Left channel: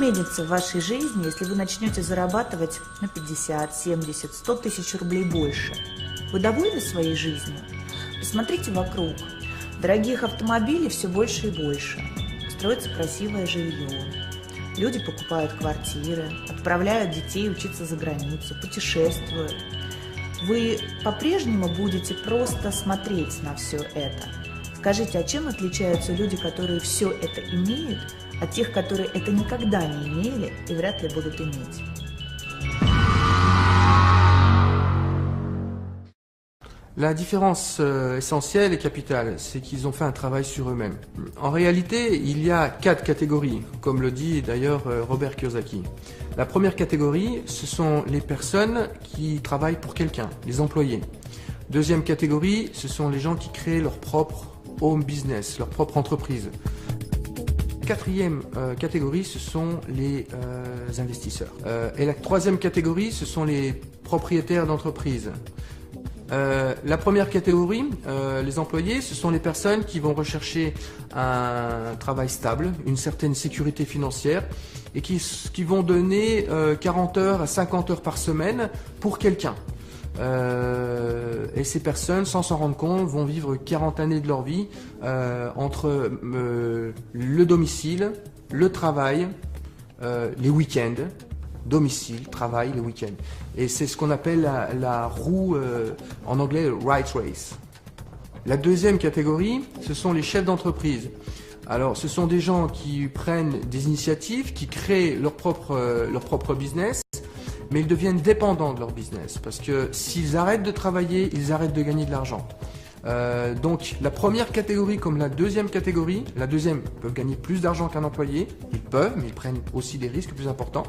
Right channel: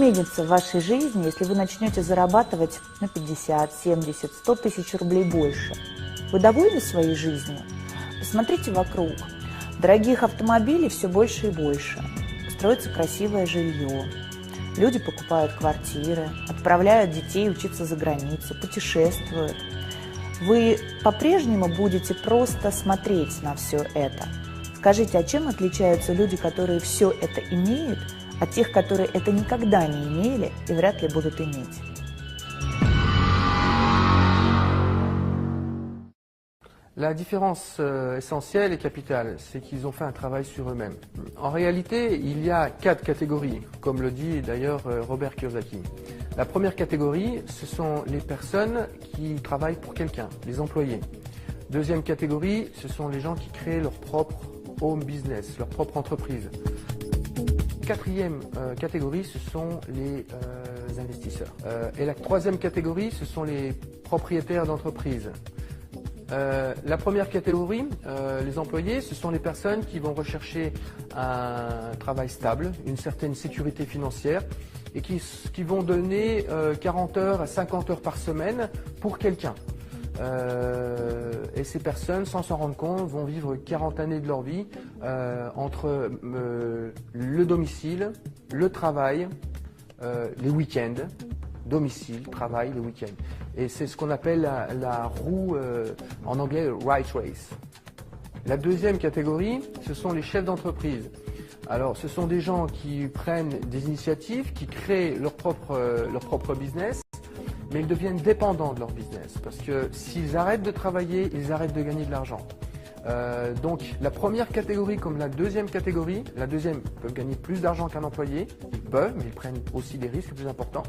изменится в вашей жизни, если вы начнете зарабатывать на 50, 70, 100 тысяч рублей больше? Вы довольны своей жизнью? Посмотрите вокруг. Дорогих автомобилей все больше и больше. Строится красивое жилье. Люди покупают квартиры, отправляют детей учиться за границу, путешествуют. Вы по-прежнему будете просто смотреть на все это. Скажите, а чем отличаются люди, которые все это имеют, от тех, которые это никогда не имели и вряд ли будут иметь? La différence essentielle et capitale, c'est qu'ils ont fait un travail sur eux-mêmes. En réalité, il y a 4 catégories, comme le dit d'ailleurs Robert Kiyosaki. La première catégorie, ce sont les personnes qui travaillent pour quelqu'un, les employés. Deuxième catégorie, ce sont les gens qui créent leur propre home business, leur propre entreprise. Quatrième catégorie, ce sont les investisseurs. Et la troisième catégorie, ce sont les propriétaires d'entreprises. La première catégorie, les employés, ce sont les personnes qui vont rechercher un travail stable, une certaine sécurité financière et qui vont donner 40 heures à 50 heures par semaine pour quelqu'un. Et ces personnes, sans s'en rendre compte, vont vivre 40 années de leur vie entre le domicile, le travail, les week-ends. Domicile, travail, le week-end. Et c'est ce qu'on appelle la roue, en anglais, right race. La deuxième catégorie, ce sont les chefs d'entreprise. Alors, ce sont des gens qui prennent des initiatives, qui créent leur propre business, mais ils deviennent dépendants de leur business. Parce que s'ils arrêtent de travailler, ils arrêtent de gagner de l'argent. Donc la première catégorie comme la deuxième catégorie, la deuxième peuvent gagner plus d'argent qu'un employé, ils peuvent, mais ils prennent aussi des risques plus importants.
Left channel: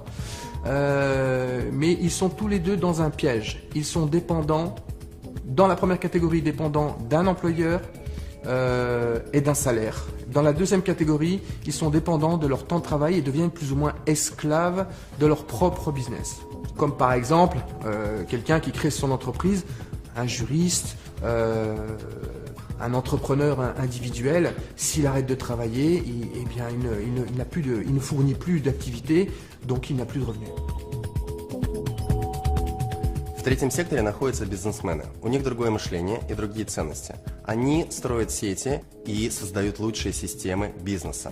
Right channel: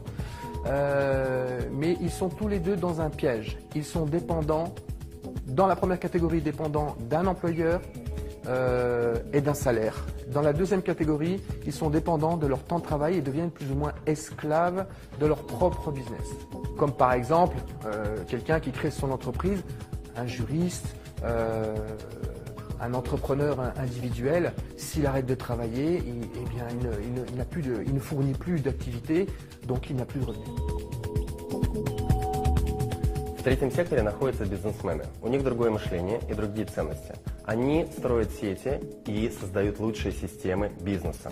Mais ils sont tous les deux dans un piège. Ils sont dépendants, dans la première catégorie, dépendants d'un employeur et d'un salaire. Dans la deuxième catégorie, ils sont dépendants de leur temps de travail et deviennent plus ou moins esclaves de leur propre business. Comme par exemple, quelqu'un qui crée son entreprise, un juriste, un entrepreneur individuel, s'il arrête de travailler, il ne fournit plus d'activité, donc il n'a plus de revenus. В третьем секторе находятся бизнесмены. У них другое мышление и другие ценности. Они строят сети и создают лучшие системы бизнеса.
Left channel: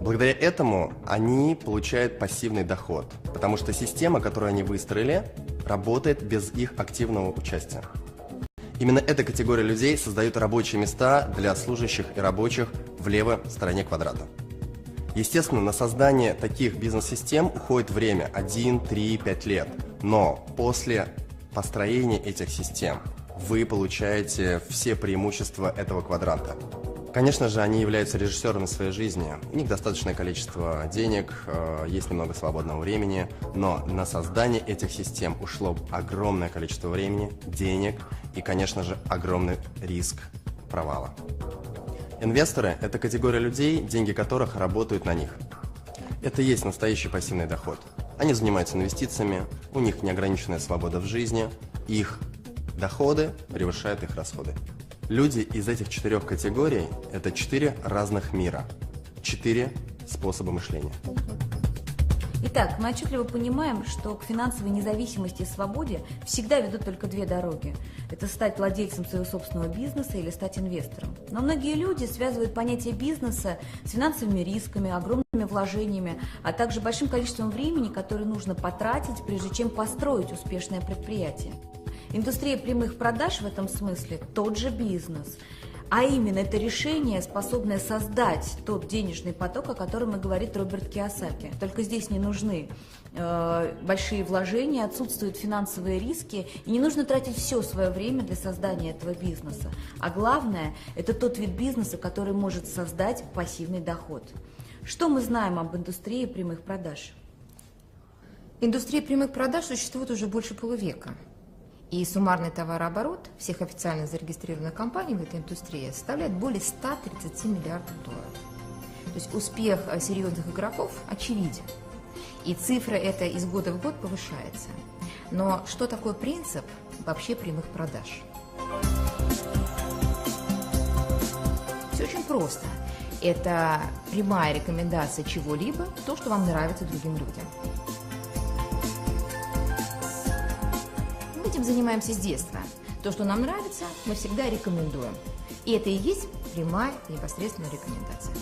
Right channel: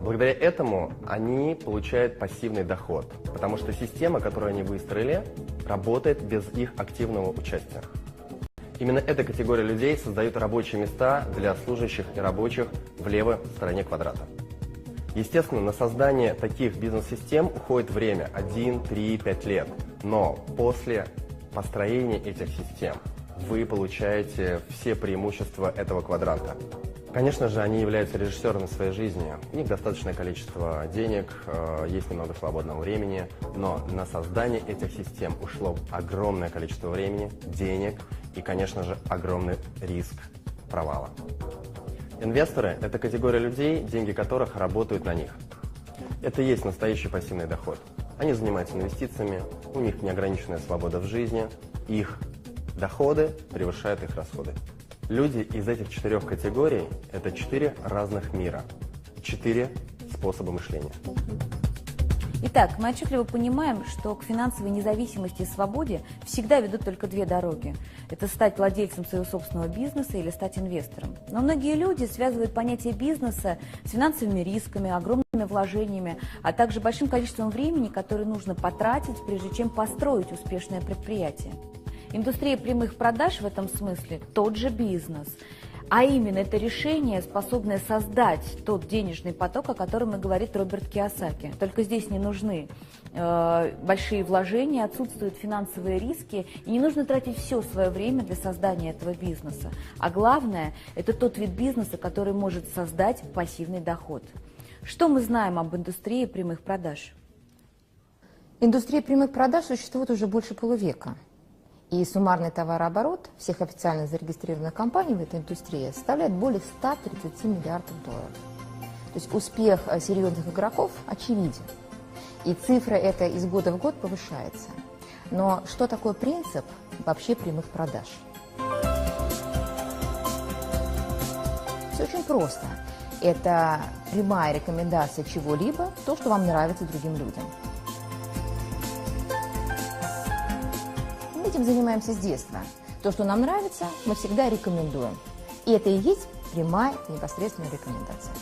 Благодаря этому они получают пассивный доход, потому что система, которую они выстроили, работает без их активного участия. Именно эта категория людей создает рабочие места для служащих и рабочих в левой стороне квадрата. Естественно, на создание таких бизнес-систем уходит время 1, 3, 5 лет. Но после построения этих систем вы получаете все преимущества этого квадранта. Конечно же, они являются режиссерами своей жизни. У них достаточное количество денег, есть немного свободного времени, но на создание этих систем ушло огромное количество времени, денег и, конечно же, огромный риск провала. Инвесторы – это категория людей, деньги которых работают на них. Это и есть настоящий пассивный доход. Они занимаются инвестициями, у них неограниченная свобода в жизни, их доходы превышают их расходы. Люди из этих 4 категорий – это 4 разных мира, 4 способа мышления. Итак, мы отчетливо понимаем, что к финансовой независимости и свободе всегда ведут только 2 дороги. Это стать владельцем своего собственного бизнеса или стать инвестором. Но многие люди связывают понятие бизнеса с финансовыми рисками, огромными вложениями, а также большим количеством времени, которое нужно потратить, прежде чем построить успешное предприятие. Индустрия прямых продаж в этом смысле тот же бизнес. А именно, это решение, способное создать тот денежный поток, о котором и говорит Роберт Кийосаки. Только здесь не нужны большие вложения, отсутствуют финансовые риски, и не нужно тратить все свое время для создания этого бизнеса. А главное, это тот вид бизнеса, который может создать пассивный доход. Что мы знаем об индустрии прямых продаж? Индустрия прямых продаж существует уже больше полувека. И суммарный товарооборот всех официально зарегистрированных компаний в этой индустрии составляет более 130 миллиардов долларов. То есть успех серьезных игроков очевиден. И цифра эта из года в год повышается. Но что такое принцип вообще прямых продаж? Все очень просто. Это прямая рекомендация чего-либо, то, что вам нравится другим людям. Мы этим занимаемся с детства. То, что нам нравится, мы всегда рекомендуем. И это и есть прямая непосредственная рекомендация.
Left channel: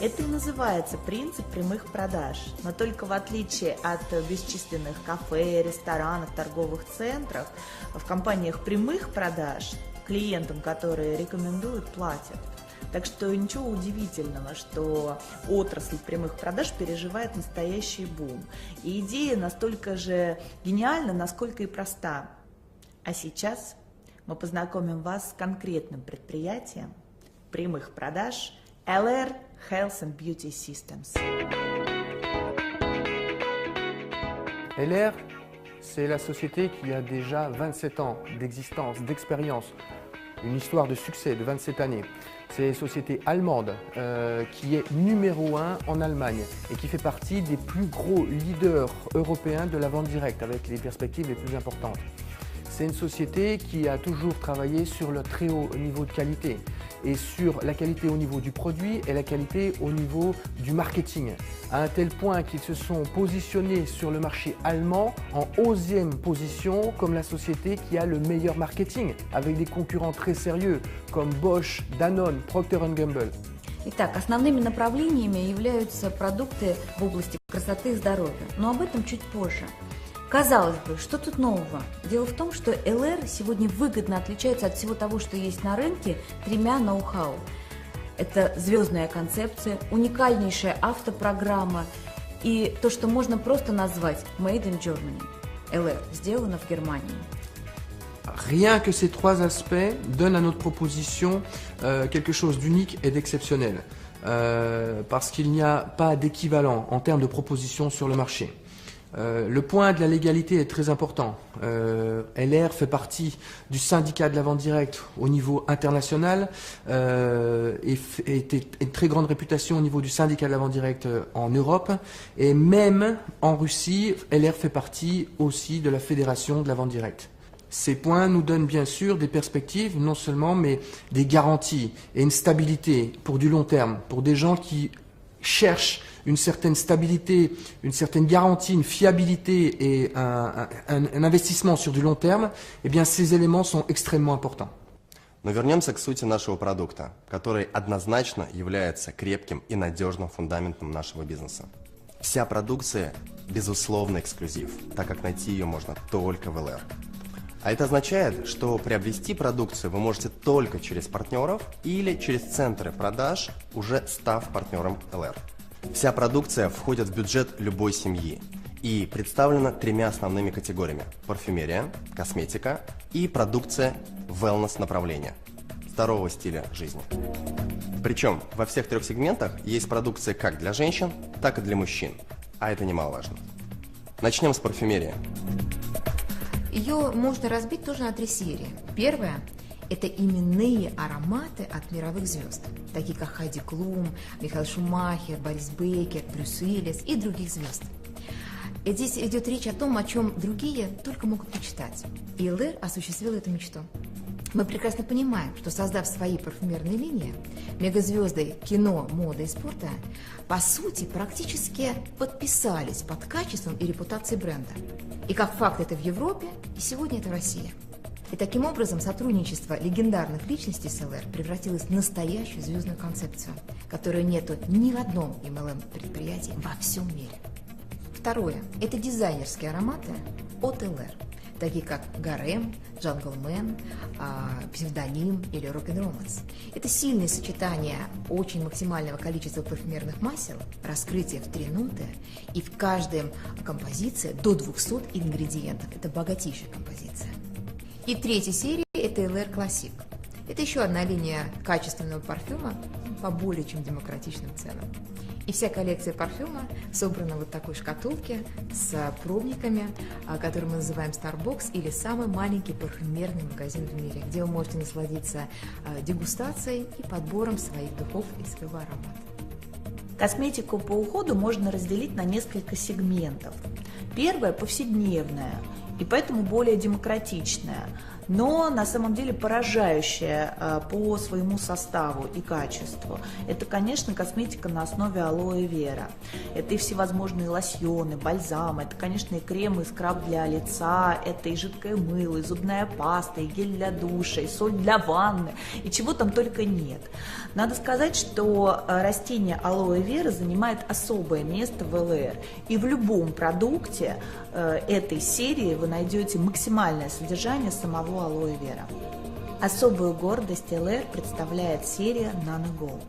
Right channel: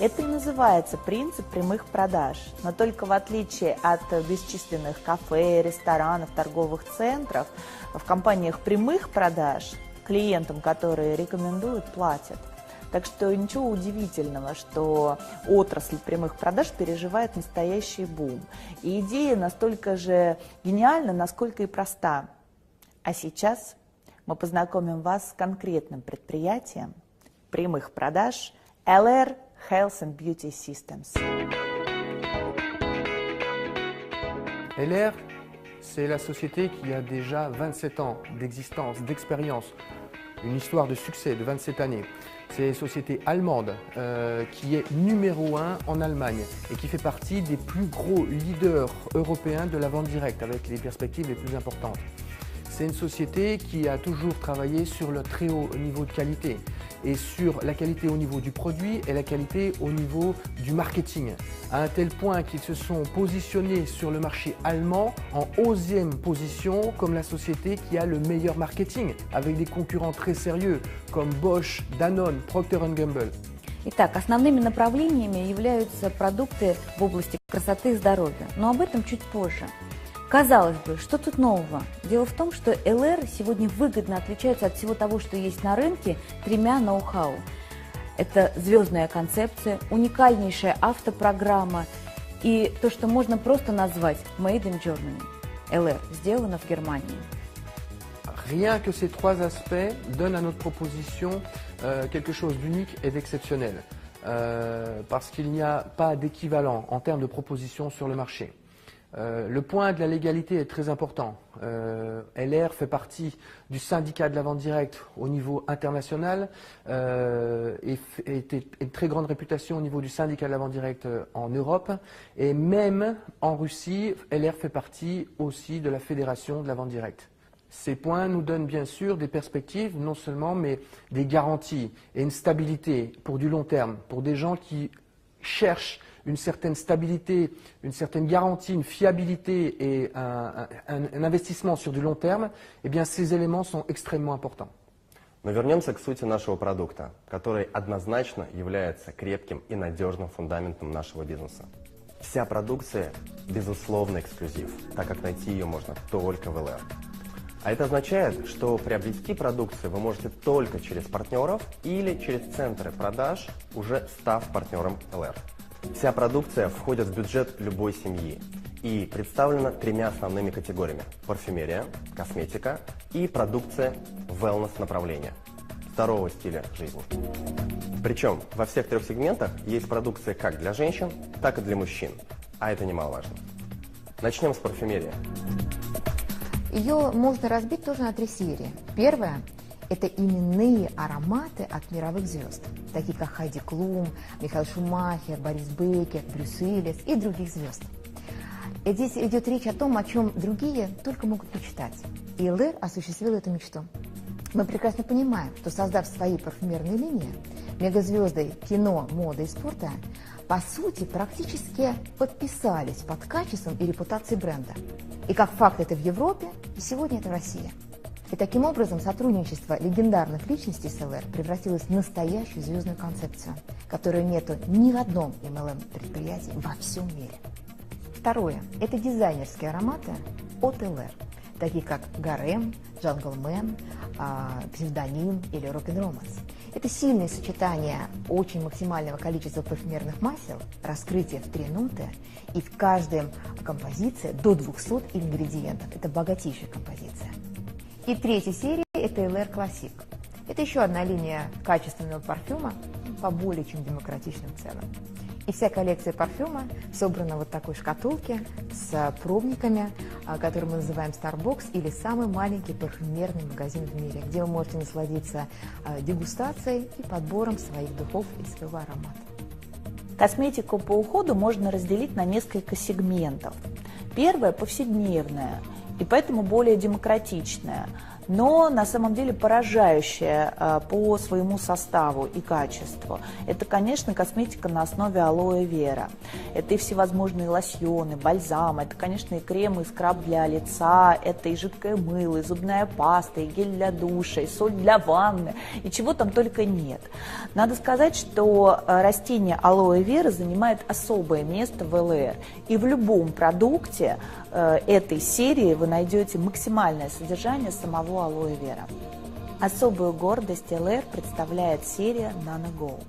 Это и называется принцип прямых продаж, но только в отличие от бесчисленных кафе, ресторанов, торговых центров, в компаниях прямых продаж клиентам, которые рекомендуют, платят. Так что ничего удивительного, что отрасль прямых продаж переживает настоящий бум. И идея настолько же гениальна, насколько и проста. А сейчас мы познакомим вас с конкретным предприятием прямых продаж LR Health and Beauty Systems. LR, c'est la société qui a déjà 27 ans d'existence, d'expérience, une histoire de succès de 27 années. C'est une société allemande qui est numéro 1 en Allemagne et qui fait partie des plus gros leaders européens de la vente directe avec les perspectives les plus importantes. C'est une société qui a toujours travaillé sur le très haut niveau de qualité et sur la qualité au niveau du produit et la qualité au niveau du marketing, à un tel point qu'ils se sont positionnés sur le marché allemand en 11e position comme la société qui a le meilleur marketing, avec des concurrents très sérieux comme Bosch, Danone, Procter & Gamble. Итак, основными направлениями являются продукты в области красоты и здоровья, но об этом чуть позже. Казалось бы, что тут нового? Дело в том, что LR сегодня выгодно отличается от всего того, что есть на рынке, тремя ноу-хау. Это звездная концепция, уникальнейшая автопрограмма и то, что можно просто назвать Made in Germany. LR сделано в Германии. Rien que ces trois aspects donnent à notre proposition quelque chose d'unique et d'exceptionnel, parce qu'il n'y a pas d'équivalent en termes de proposition sur le marché. Le point de la légalité est très important. LR fait partie du syndicat de la vente directe au niveau international et une très grande réputation au niveau du syndicat de la vente directe en Europe. Et même en Russie, LR fait partie aussi de la fédération de la vente directe. Ces points nous donnent bien sûr des perspectives, non seulement, mais des garanties et une stabilité pour du long terme, pour des gens qui cherchent une certaine stabilité, une certaine garantie, une fiabilité et un investissement sur du long terme, eh bien ces éléments sont extrêmement importants. Но вернемся к сути нашего продукта, который однозначно является крепким и надежным фундаментом нашего бизнеса. Вся продукция безусловно эксклюзив, так как найти ее можно только в LR. А это означает, что приобрести продукцию вы можете только через партнеров или через центры продаж, уже став партнером LR. Вся продукция входит в бюджет любой семьи и представлена тремя основными категориями: парфюмерия, косметика и продукция wellness направления, здорового стиля жизни. Причем во всех трех сегментах есть продукция как для женщин, так и для мужчин, а это немаловажно. Начнем с парфюмерии. Ее можно разбить тоже на три серии. Первая – это именные ароматы от мировых звезд, такие как Хайди Клум, Михаил Шумахер, Борис Бейкер, Брюс Уиллис и других звезд. Здесь идет речь о том, о чем другие только могут мечтать. И LR осуществил эту мечту. Мы прекрасно понимаем, что создав свои парфюмерные линии, мегазвезды кино, моды и спорта, по сути, практически подписались под качеством и репутацией бренда. И как факт это в Европе, и сегодня это в России. И таким образом сотрудничество легендарных личностей с LR превратилось в настоящую звездную концепцию, которой нету ни в одном MLM-предприятии во всем мире. Второе – это дизайнерские ароматы от LR, такие как Гарем, Джанглмен, Псевдоним или Рок-н-Романс. Это сильное сочетание очень максимального количества парфюмерных масел, раскрытие в 3 ноты, и в каждой композиции до 200 ингредиентов. Это богатейшая композиция. И третья серия – это LR Classic. Это еще одна линия качественного парфюма по более чем демократичным ценам. И вся коллекция парфюма собрана в вот такой шкатулке с пробниками, который мы называем Starbox, или самый маленький парфюмерный магазин в мире, где вы можете насладиться дегустацией и подбором своих духов и своего аромата. Косметику по уходу можно разделить на несколько сегментов. Первое – повседневная. и поэтому более демократичная, но на самом деле поражающая по своему составу и качеству. Это, конечно, косметика на основе алоэ вера. Это и всевозможные лосьоны, бальзамы, это, конечно, и крем, и скраб для лица, это и жидкое мыло, и зубная паста, и гель для душа, и соль для ванны, и чего там только нет. Надо сказать, что растение алоэ вера занимает особое место в ЛР, и в любом продукте этой серии вы найдете максимальное содержание самого алоэ вера. Особую гордость ЛР представляет серия Nano Gold.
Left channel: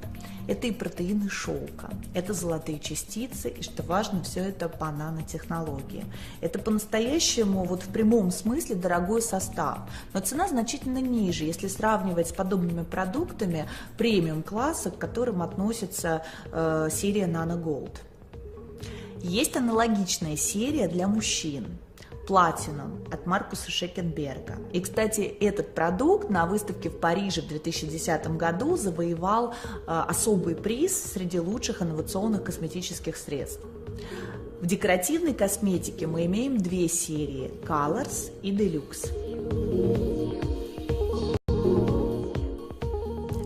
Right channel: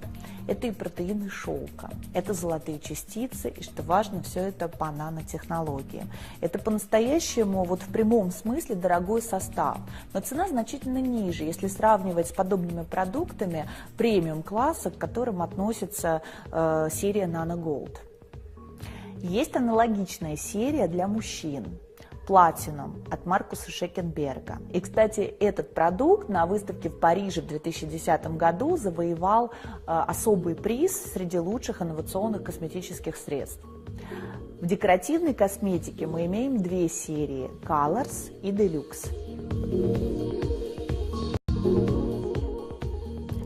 Это и протеины шелка, это золотые частицы, и, что важно, все это по нанотехнологии. Это по-настоящему, вот в прямом смысле, дорогой состав, но цена значительно ниже, если сравнивать с подобными продуктами премиум-класса, к которым относится серия Nano Gold. Есть аналогичная серия для мужчин. Platinum от Маркуса Шекенберга. И, кстати, этот продукт на выставке в Париже в 2010 году завоевал особый приз среди лучших инновационных косметических средств. В декоративной косметике мы имеем две серии – Colors и Deluxe.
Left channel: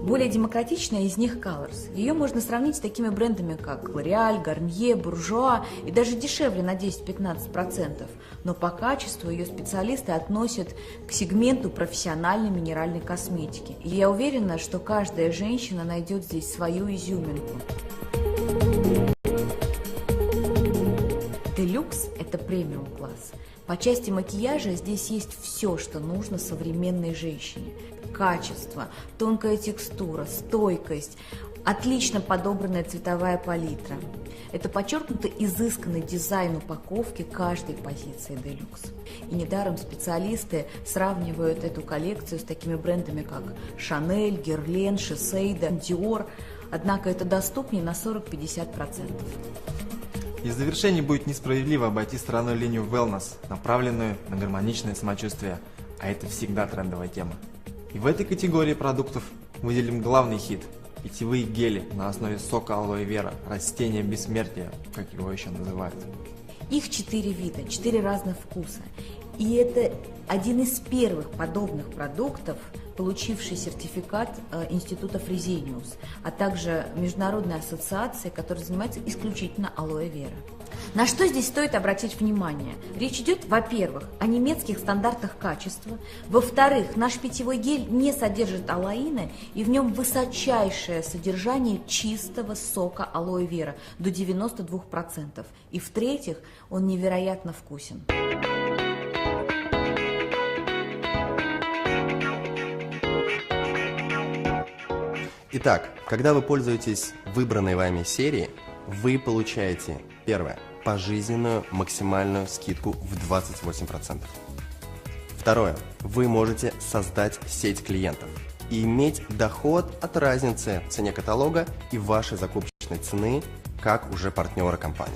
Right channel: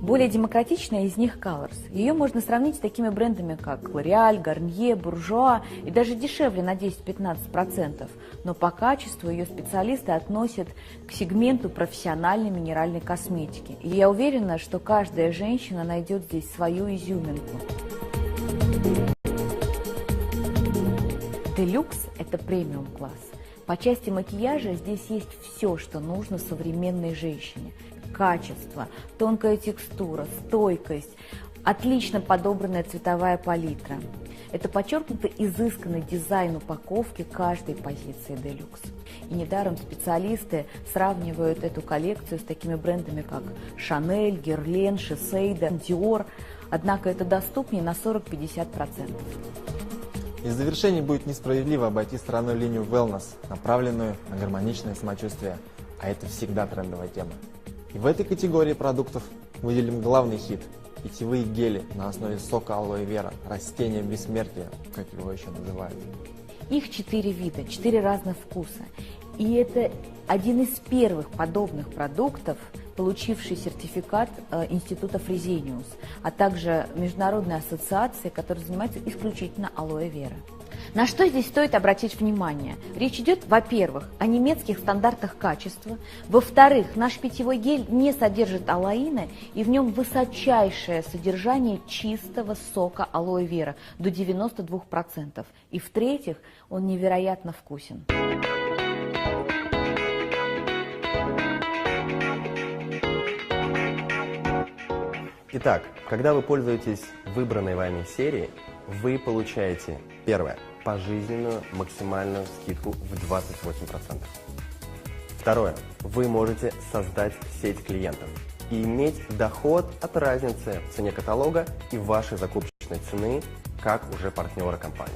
Более демократичная из них Colors. Ее можно сравнить с такими брендами, как L'Oréal, Garnier, Bourjois и даже дешевле на 10-15%. Но по качеству ее специалисты относят к сегменту профессиональной минеральной косметики. И я уверена, что каждая женщина найдет здесь свою изюминку. Deluxe – это премиум-класс. По части макияжа здесь есть все, что нужно современной женщине. Качество, тонкая текстура, стойкость, отлично подобранная цветовая палитра. Это подчеркнуто изысканный дизайн упаковки каждой позиции Deluxe. И недаром специалисты сравнивают эту коллекцию с такими брендами, как Chanel, Guerlain, Shiseido, Dior. Однако это доступнее на 40-50%. И в завершении будет несправедливо обойти стороной линию wellness, направленную на гармоничное самочувствие, а это всегда трендовая тема. И в этой категории продуктов выделим главный хит – питьевые гели на основе сока алоэ вера, растения бессмертия, как его еще называют. Их 4 вида, 4 разных вкуса. И это один из первых подобных продуктов, получивший сертификат Института Фрезениус, а также Международной ассоциации, которая занимается исключительно алоэ вера. На что здесь стоит обратить внимание? Речь идет, во-первых, о немецких стандартах качества, во-вторых, наш питьевой гель не содержит алоина, и в нем высочайшее содержание чистого сока алоэ вера до 92%, и в-третьих, он невероятно вкусен. Итак, когда вы пользуетесь выбранной вами серией, вы получаете, первое, пожизненную максимальную скидку в 28%. Второе, вы можете создать сеть клиентов и иметь доход от разницы в цене каталога и вашей закупочной цены, как уже партнера компании.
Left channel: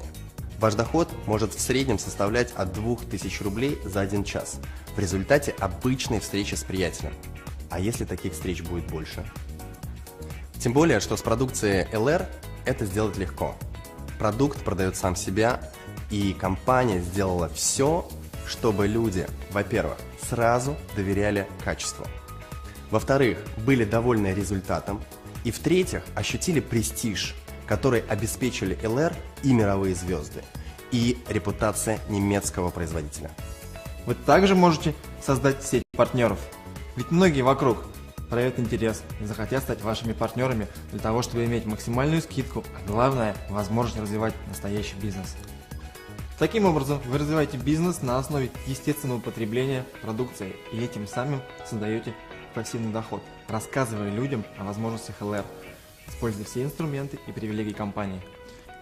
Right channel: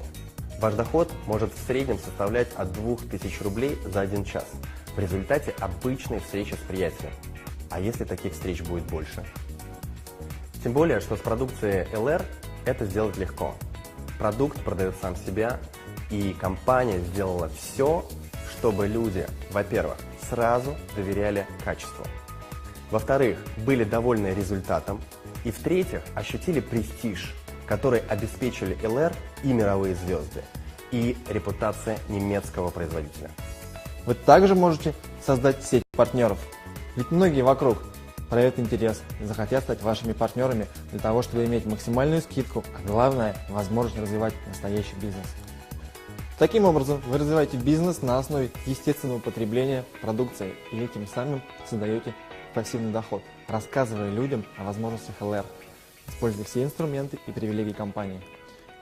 Ваш доход может в среднем составлять от 2000 рублей за 1 час в результате обычной встречи с приятелем. А если таких встреч будет больше? Тем более, что с продукцией ЛР это сделать легко. Продукт продает сам себя, и компания сделала все, чтобы люди, во-первых, сразу доверяли качеству, во-вторых, были довольны результатом, и в-третьих, ощутили престиж, который обеспечили ЛР и мировые звезды, и репутация немецкого производителя. Вы также можете создать сеть партнеров, ведь многие вокруг проявят интерес, захотят стать вашими партнерами для того, чтобы иметь максимальную скидку, а главное – возможность развивать настоящий бизнес. Таким образом, вы развиваете бизнес на основе естественного потребления продукции и этим самым создаете пассивный доход, рассказывая людям о возможностях ЛР, используя все инструменты и привилегии компании.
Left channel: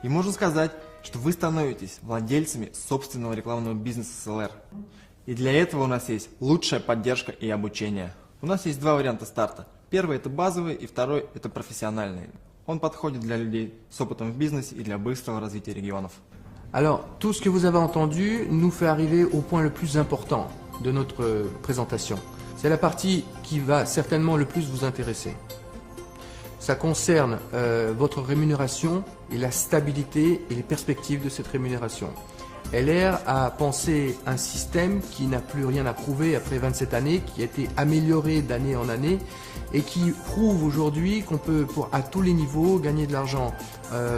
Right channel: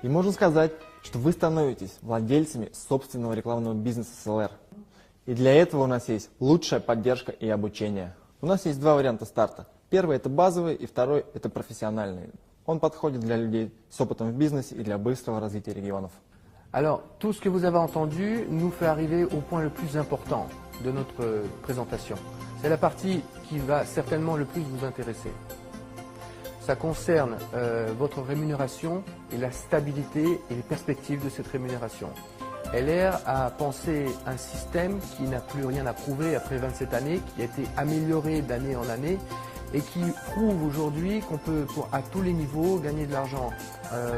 И можно сказать, что вы становитесь владельцами собственного рекламного бизнеса с ЛР. И для этого у нас есть лучшая поддержка и обучение. У нас есть 2 варианта старта. Первый – это базовый, и второй – это профессиональный. Он подходит для людей с опытом в бизнесе и для быстрого развития регионов. Alors, tout ce que vous avez entendu nous fait arriver au point le plus important de notre présentation. C'est la partie qui va certainement le plus vous intéresser. Ça concerne votre rémunération et la stabilité et les perspectives de cette rémunération. LR a pensé un système qui n'a plus rien à prouver après 27 années, qui a été amélioré d'année en année et qui prouve aujourd'hui qu'on peut, à tous les niveaux, gagner de l'argent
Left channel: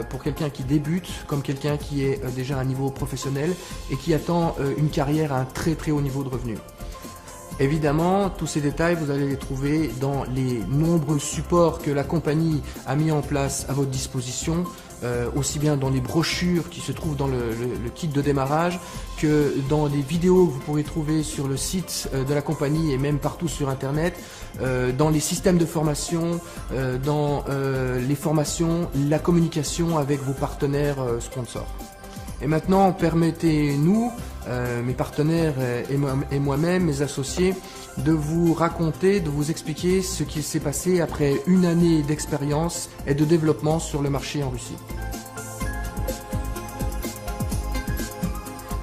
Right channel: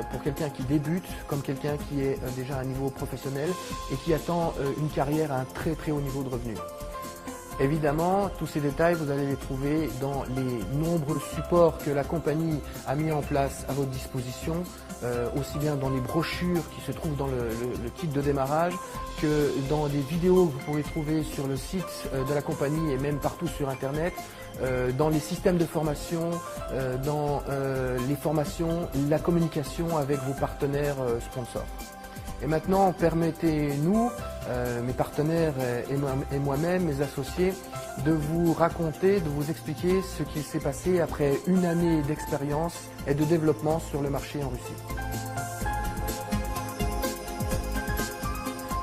pour quelqu'un qui débute comme quelqu'un qui est déjà à un niveau professionnel et qui attend une carrière à un très très haut niveau de revenus. Évidemment, tous ces détails, vous allez les trouver dans les nombreux supports que la compagnie a mis en place à votre disposition, aussi bien dans les brochures qui se trouvent dans le kit de démarrage que dans les vidéos que vous pourrez trouver sur le site de la compagnie et même partout sur Internet, dans les systèmes de formation, dans les formations, la communication avec vos partenaires sponsors. Et maintenant, permettez-nous, mes partenaires et moi-même, mes associés, de vous raconter, de vous expliquer ce qui s'est passé après une année d'expérience et de développement sur le marché en Russie.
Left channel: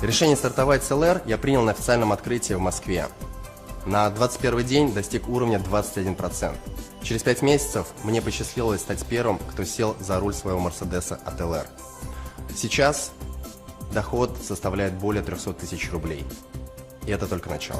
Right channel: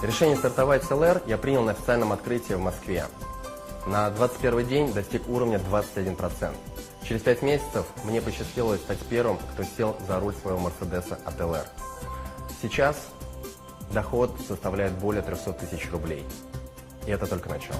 Решение стартовать с LR я принял на официальном открытии в Москве. На 21 день достиг уровня 21%. Через 5 месяцев мне посчастливилось стать первым, кто сел за руль своего Мерседеса от LR. Сейчас доход составляет более 300 тысяч рублей. И это только начало.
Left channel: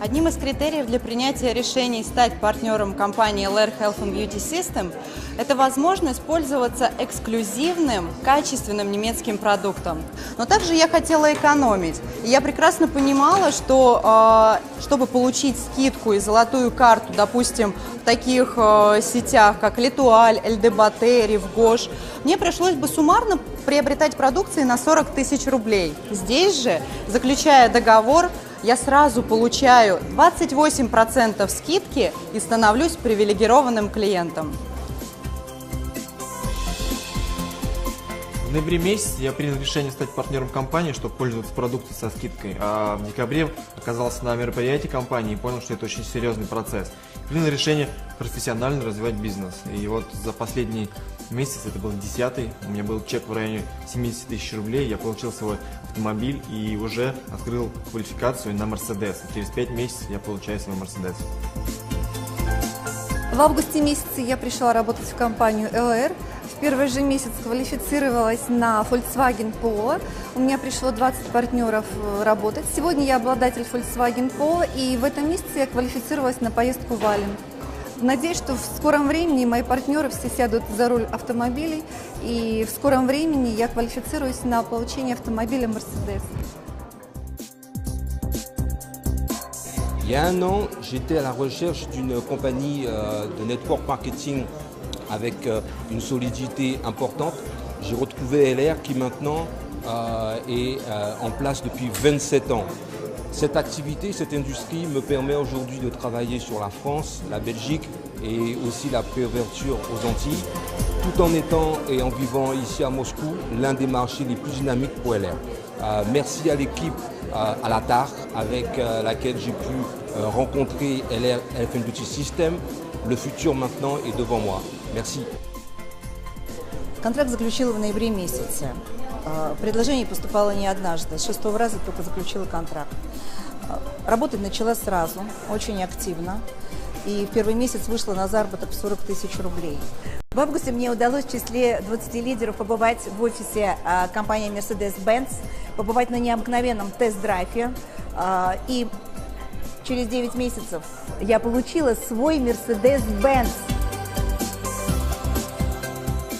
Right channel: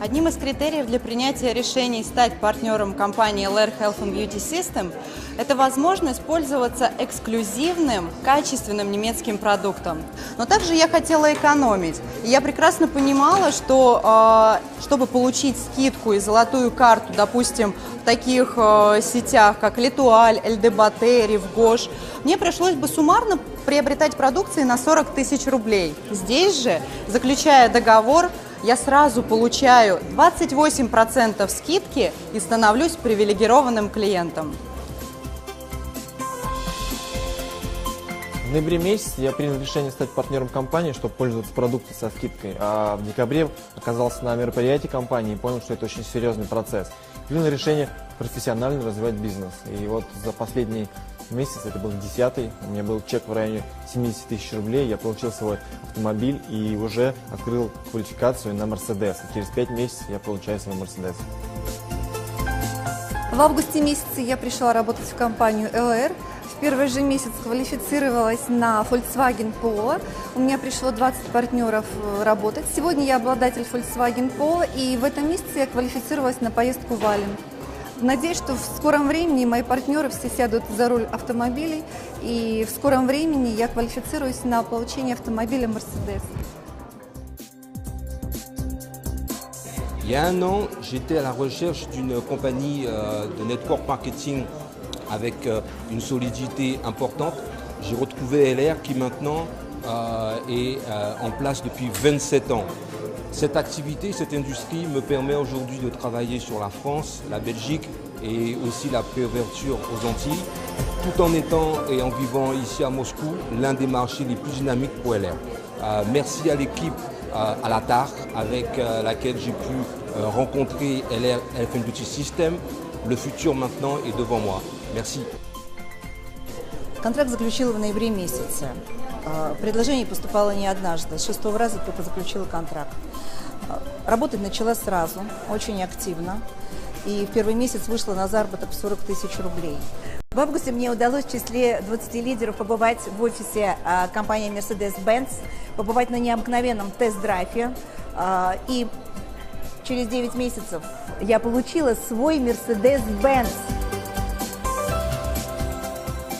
Одним из критериев для принятия решений стать партнером компании LR Health and Beauty System – это возможность пользоваться эксклюзивным, качественным немецким продуктом. Но также я хотела экономить. И я прекрасно понимала, что чтобы получить скидку и золотую карту, допустим, в таких сетях, как Летуаль, ЛДБТ, Ревгош, мне пришлось бы суммарно приобретать продукции на 40 тысяч рублей. Здесь же, заключая договор, я сразу получаю 28% скидки и становлюсь привилегированным клиентом. В ноябре месяце я принял решение стать партнером компании, чтобы пользоваться продукцией со скидкой. А в декабре оказался на мероприятии компании и понял, что это очень серьезный процесс. Принял решение профессионально развивать бизнес. И вот за последний месяц, это был 10-й, у меня был чек в районе 70 тысяч рублей, я получил свой автомобиль и уже открыл квалификацию на Мерседес. Через 5 месяцев я получаю свой Мерседес. В августе месяце я пришла работать в компанию LR. В первый же месяц квалифицировалась на Volkswagen Polo. У меня пришло 20 партнеров работать. Сегодня я обладатель Volkswagen Polo, и в этом месяце я квалифицировалась на поездку в Ален. Надеюсь, что в скором времени мои партнеры все сядут за руль автомобилей, и в скором времени я квалифицируюсь на получение автомобиля Mercedes. Il y a un an, j'étais à la recherche d'une compagnie de network marketing avec une solidité importante. J'ai retrouvé LR qui maintenant est en place depuis 27 ans. Cette activité, cette industrie me permet aujourd'hui de travailler sur la France, la Belgique et aussi la préouverture aux Antilles, tout en étant et en vivant ici à Moscou, l'un des marchés les plus dynamiques pour LR. Merci à l'équipe à la TAR avec laquelle j'ai pu rencontrer LR Health and Beauty System. Le futur maintenant est devant moi. Merci. Контракт заключила в ноябре месяце. Предложение поступало не однажды. С 6-го раза только заключила контракт. Работать начала сразу, очень активно. И в первый месяц вышла на заработок в 40 тысяч рублей. В августе мне удалось в числе 20 лидеров побывать в офисе компании Mercedes-Benz, побывать на необыкновенном тест-драйве. И через 9 месяцев я получила свой Mercedes-Benz.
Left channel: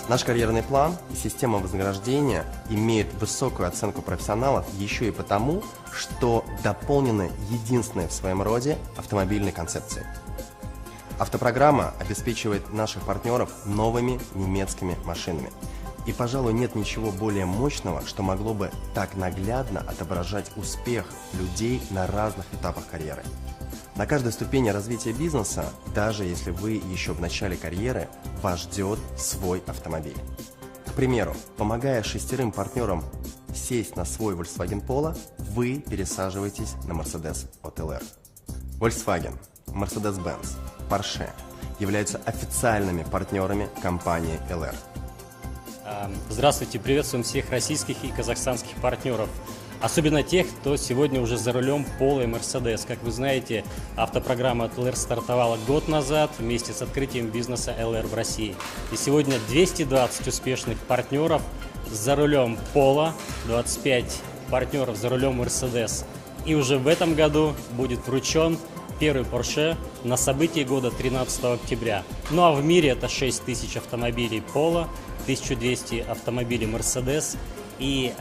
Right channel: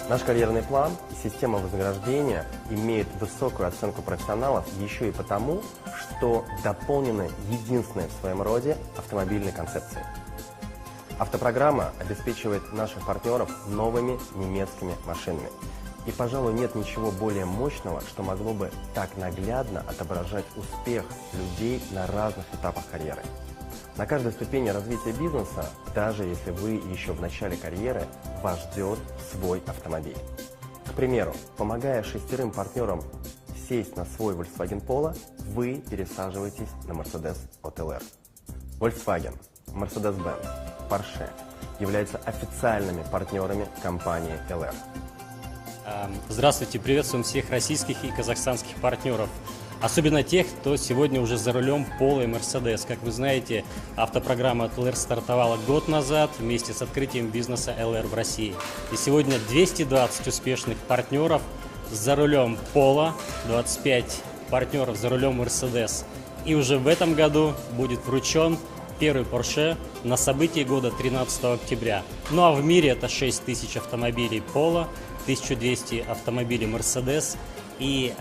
Наш карьерный план, система вознаграждения имеет высокую оценку профессионалов еще и потому, что дополнена единственной в своем роде автомобильной концепцией. Автопрограмма обеспечивает наших партнеров новыми немецкими машинами. И, пожалуй, нет ничего более мощного, что могло бы так наглядно отображать успех людей на разных этапах карьеры. На каждой ступени развития бизнеса, даже если вы еще в начале карьеры, вас ждет свой автомобиль. К примеру, помогая 6 партнерам сесть на свой Volkswagen Polo, вы пересаживаетесь на Mercedes от LR. Volkswagen, Mercedes-Benz, Porsche являются официальными партнерами компании LR. Здравствуйте, приветствуем всех российских и казахстанских партнеров. Особенно тех, кто сегодня уже за рулем Polo и Mercedes. Как вы знаете, автопрограмма от LR стартовала год назад вместе с открытием бизнеса LR в России. И сегодня 220 успешных партнеров за рулем Polo, 25 партнеров за рулем Mercedes. И уже в этом году будет вручен первый Porsche на событии года 13 октября. Ну а в мире это 6000 автомобилей Polo, 1200 автомобилей Mercedes и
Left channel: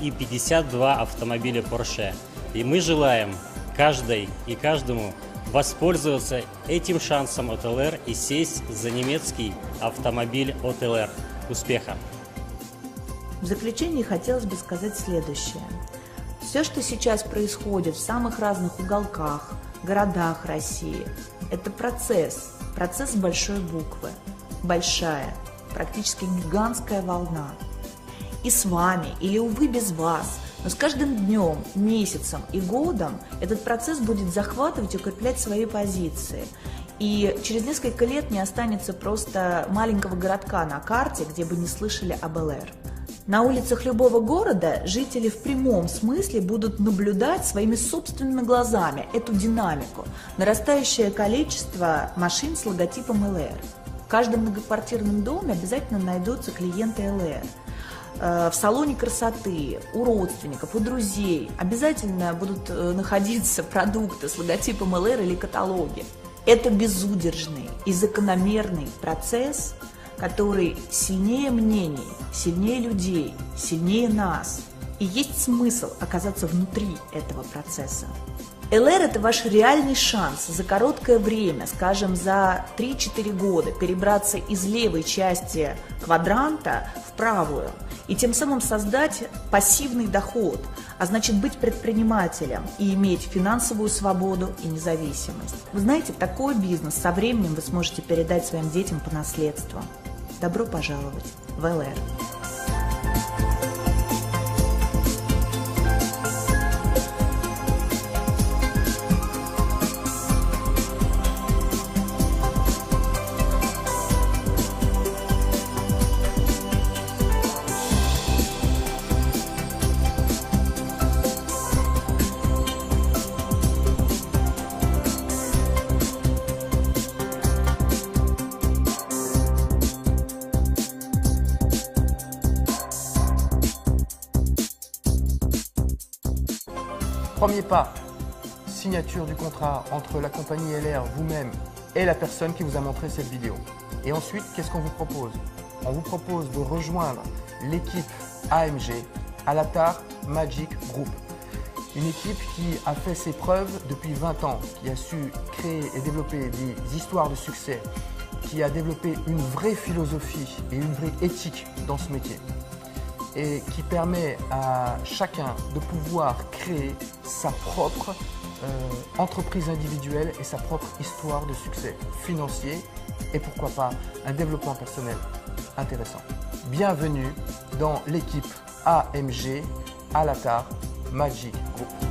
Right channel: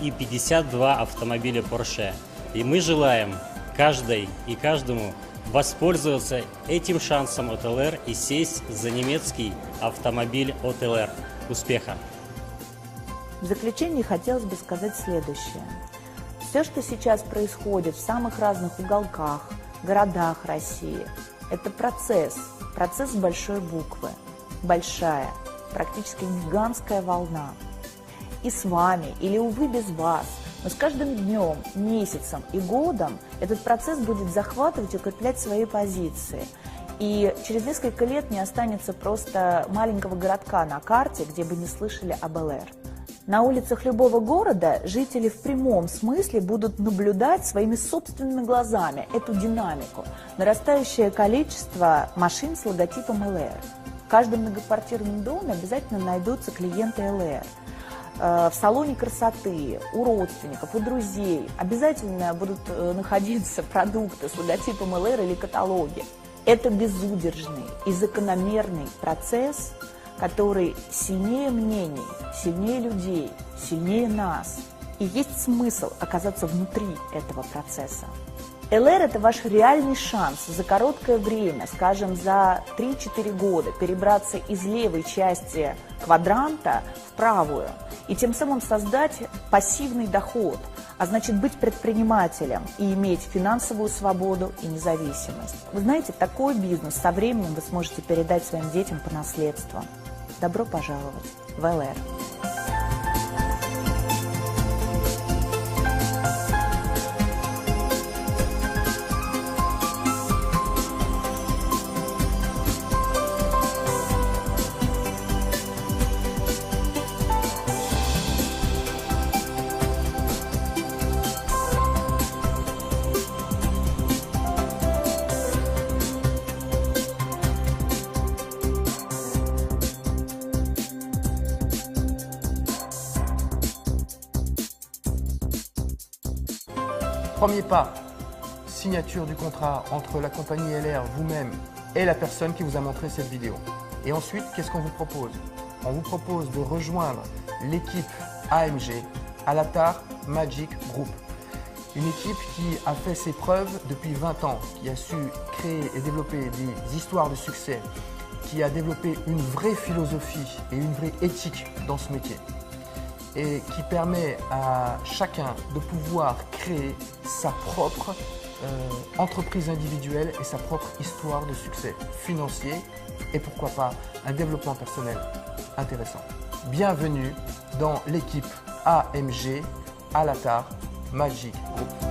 52 автомобиля Porsche. И мы желаем каждой и каждому воспользоваться этим шансом от ЛР и сесть за немецкий автомобиль от ЛР. Успеха! В заключение хотелось бы сказать следующее. Все, что сейчас происходит в самых разных уголках, городах России, это процесс с большой буквы, большая, практически гигантская волна. И с вами, или, увы, без вас, но с каждым днем, месяцем и годом этот процесс будет захватывать и укреплять свои позиции. И через несколько лет не останется просто маленького городка на карте, где бы не слышали об ЛР. На улицах любого города жители в прямом смысле будут наблюдать своими собственными глазами эту динамику, нарастающее количество машин с логотипом ЛР. В каждом многоквартирном доме обязательно найдутся клиенты ЛР. В салоне красоты, у родственников, у друзей обязательно будут находиться продукты с логотипом ЛР или каталоги. Это безудержный и закономерный процесс, который сильнее мнений, сильнее людей, сильнее нас. И есть смысл оказаться внутри этого процесса. ЛР – это ваш реальный шанс за короткое время, скажем, за 3-4 года, перебраться из левой части квадранта в правую и тем самым создать пассивный доход, а значит быть предпринимателем и иметь финансовую свободу и независимость. Вы знаете, такой бизнес со временем вы сможете передать своим детям по наследству. Добро пожаловать в ЛР. Premier pas, signature du contrat entre la compagnie LR, vous-même et la personne qui vous a montré cette vidéo. Et ensuite, qu'est-ce qu'on vous propose? On vous propose de rejoindre l'équipe AMG, Alatar Magic Group. Une équipe qui a fait ses preuves depuis 20 ans, qui a su créer et développer des histoires de succès, qui a développé une vraie philosophie et une vraie éthique dans ce métier, et qui permet à chacun de pouvoir créer sa propre entreprise individuelle et sa propre histoire de succès financier et pourquoi pas un développement personnel intéressant. Bienvenue dans l'équipe AMG Alatar Magic Group.